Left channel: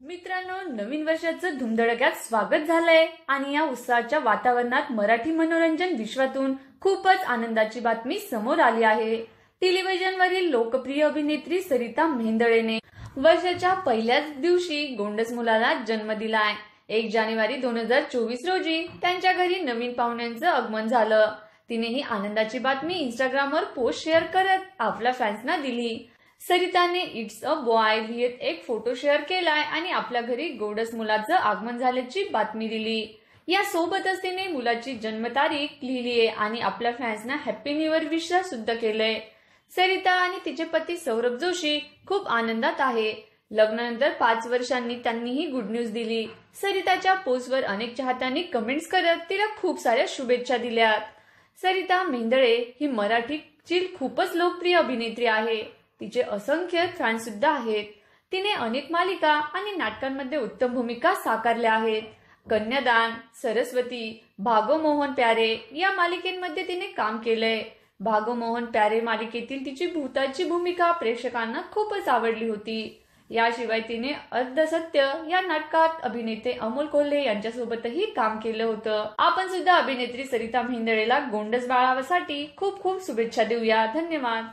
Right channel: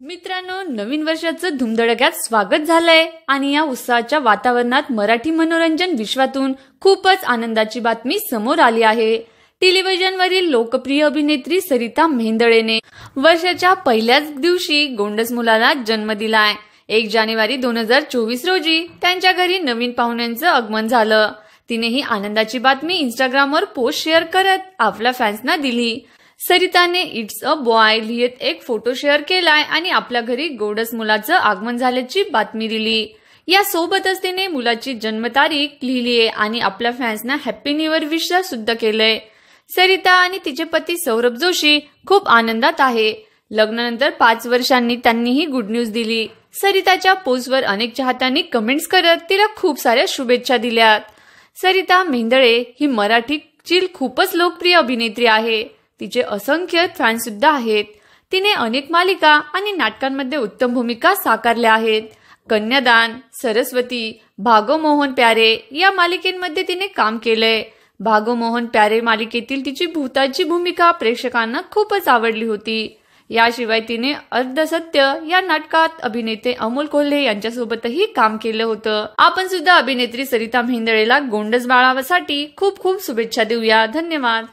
मित्रांनो, नवीन वर्षाचं धुमधडक्यात स्वागत झालंय आणि या उत्साहाच्या वातावरणात मराठी मनोरंजन विश्वातून खूपच आनंदाची बातमी समोर आली आहे। टेलिव्हिजनवरील लोकप्रिय अभिनेत्री सरिता मेहेंदळेने वर्षाच्या पहिल्याच दिवशी गोंडस मुलाला जन्म दिलाय। 1 जानेवारी 2024 रोजी त्यांच्या घरी नवीन पाहुण्यांचं आगमन झालं। तिने ही आनंदाची बातमी इंस्टाग्रामवर पोस्ट शेअर करत आपल्या फॅन्सना दिली। सरिताने इट्स अ बॉय लिहित एक फोटो शेअर केलाय आणि आपल्या घरी गोंडस मुलाचं आगमन झाल्याची बातमी दिली। या सोबतच तिने मुलाची जन्मतारीख लिहिलीये आणि आपल्या फॅन्सना हॅपी न्यू इयर विश सुद्धा केलंय। सरिता आणि तिचे पती सौरभ जोशी खूप आनंदात आहे। लग्नानंतर 5 वर्षांनी त्यांनी ही गुड न्यूज दिली। सरिताच्या पोस्टवर अनेक चाहत्यांनी कमेंट्स करत तिला खूप साऱ्या शुभेच्छा दिल्यात। सरिता मेहेंदळे ही मराठीची खूपच लोकप्रिय अभिनेत्री आहे। तिचे असंख्य फॅन्स सुद्धा आहेत। तिने अनेक मालिका आणि नाटकांमध्ये उत्तम भूमिका साकारल्या आहेत। कन्यादान, सरस्वती, भागो मोहन प्यारे या मालिकेमध्ये तिने काम केलंय। भागो मोहन प्यारे मालिकेतील तिची भूताची भूमिका प्रेक्षकांना खूपच आवडली होती। याशिवाय तिने अर्धसत्य या नाटकात अभिनेते अमोल कोल्हे यांच्यासोबतही काम केलं होतं। आपण सुद्धा अभिनेत्री सरिता मेहेंदळेला गोंडस बाळासाठी खूप खूप शुभेच्छा देऊया। धन्यवाद।